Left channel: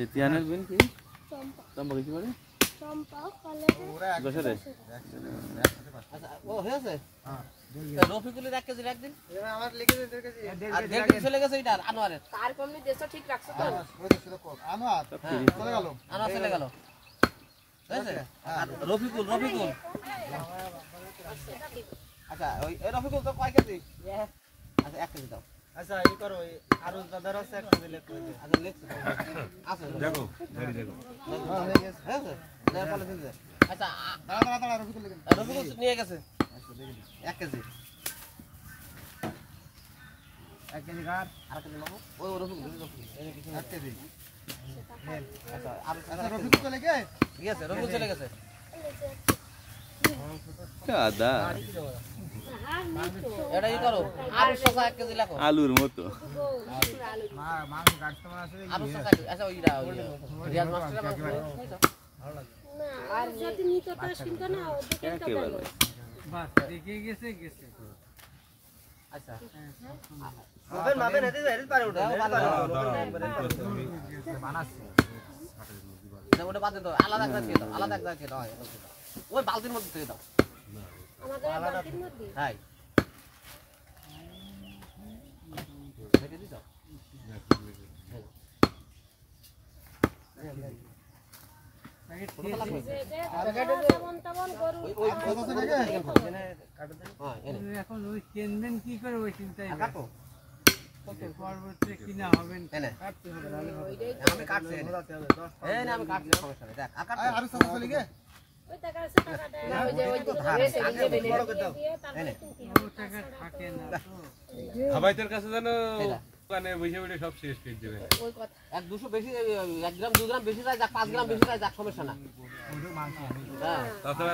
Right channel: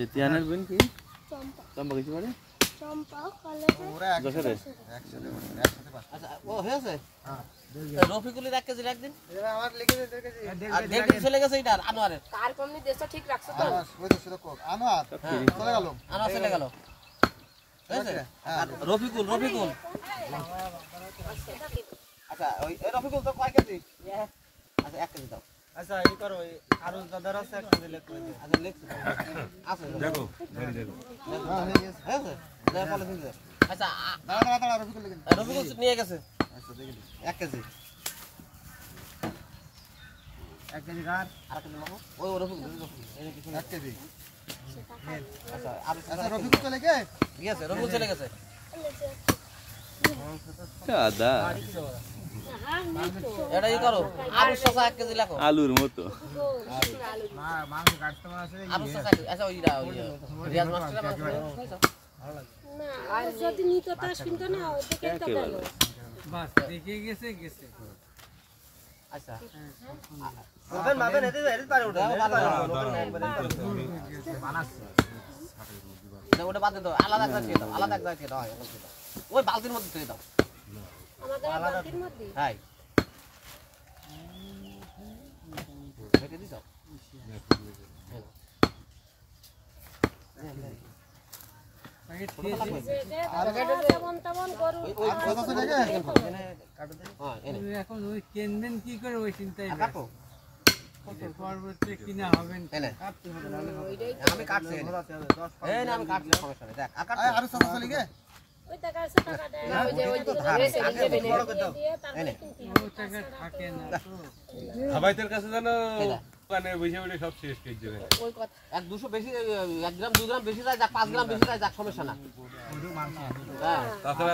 এই তিয়ানের বোন কি চম্পা চম্পা কিছু মানে চম্পা কলেজে দশরে আচ্ছা ও হয়েছে হ্যাঁ রফিকুলের 1 কেজি রাখ দিন আমার লিখে দিন 1 কেজি আর 1.5 কেজি চলে গেছে এটা আনোয়ারের তার কমনি দেশটা ঠিক রাখছো তো ওই তো ছিল কোড আনোয়ার সব ফ্রি চলে গেল আনোয়ার চলে গেল হয়েছে আর রফিকুল আচ্ছা ওই রফিকুল তো কয় কেজি আচ্ছা 1 কেজি দাও আচ্ছা এই করো আর দাদার আছে 1 কেজি লিখে দিন আচ্ছা লিখছি আছে দেখো ধরি দেখো হ্যাঁ হয়ে গেছে হয়েছে দেখ বলে দিন আচ্ছা দাঁড়া রফিকুল লিখে রফিকুল নিয়ে গেছে আচ্ছা দেখে দিন 1 কেজি 1 কেজি গার আর কেজি মাখো ওই রফিকুল এই কিছু 1 কেজি আচ্ছা আর আচ্ছা রফিকুল চলে গে গেছে রফিকুল চলে গেছে দাদা এটাই করো আলু শসা 1 কেজি লাগো আলুর মতো মাছ কাটতে মনে আছে আলু শসা আচ্ছা ওইটা রিয়াজ মাস্টার আর যদি নিতে পাস কিনতে না ওদিকে একেবারে ভাই বাস দেখে গেছে আচ্ছা ওদের মাপে নেতে হেরিত পারে ওটা বানাচ্ছি ওটা বাদ দাও আলাদা করে দাও আলাদা করে দাও ওই বালতির মধ্যে দিয়ে দাও আমাদের বাড়ির মধ্যে হাই দেখে দিছ তেমন করু ওই এখন ওই কিনবেন কি করে ওই চিন্তাই কাটো পরবর্তী কিনা হবেন এনে কাটতে হবে না আমি কাটছি এই না আমি কাটছি সমস্যা নেই দেখ আকার আর সব চলে গে ওই টাকাছে টাকা দেয় ওই যে ওই ধরেছে বড় করে দাও দিয়ে তারপরে কিনতে ও টাকা থাকে না তো হাবাইতের কাছে জানো দোকানে বসে বসে সব শেষ করে দেবে ওই কথা 1-200 বেশি 1 গ্রাম 2 গ্রাম বেশি যায় যা 5 গ্রাম বেশি যায় যা সমস্যা না ওই মাংস হ্যাঁ তাছাড়া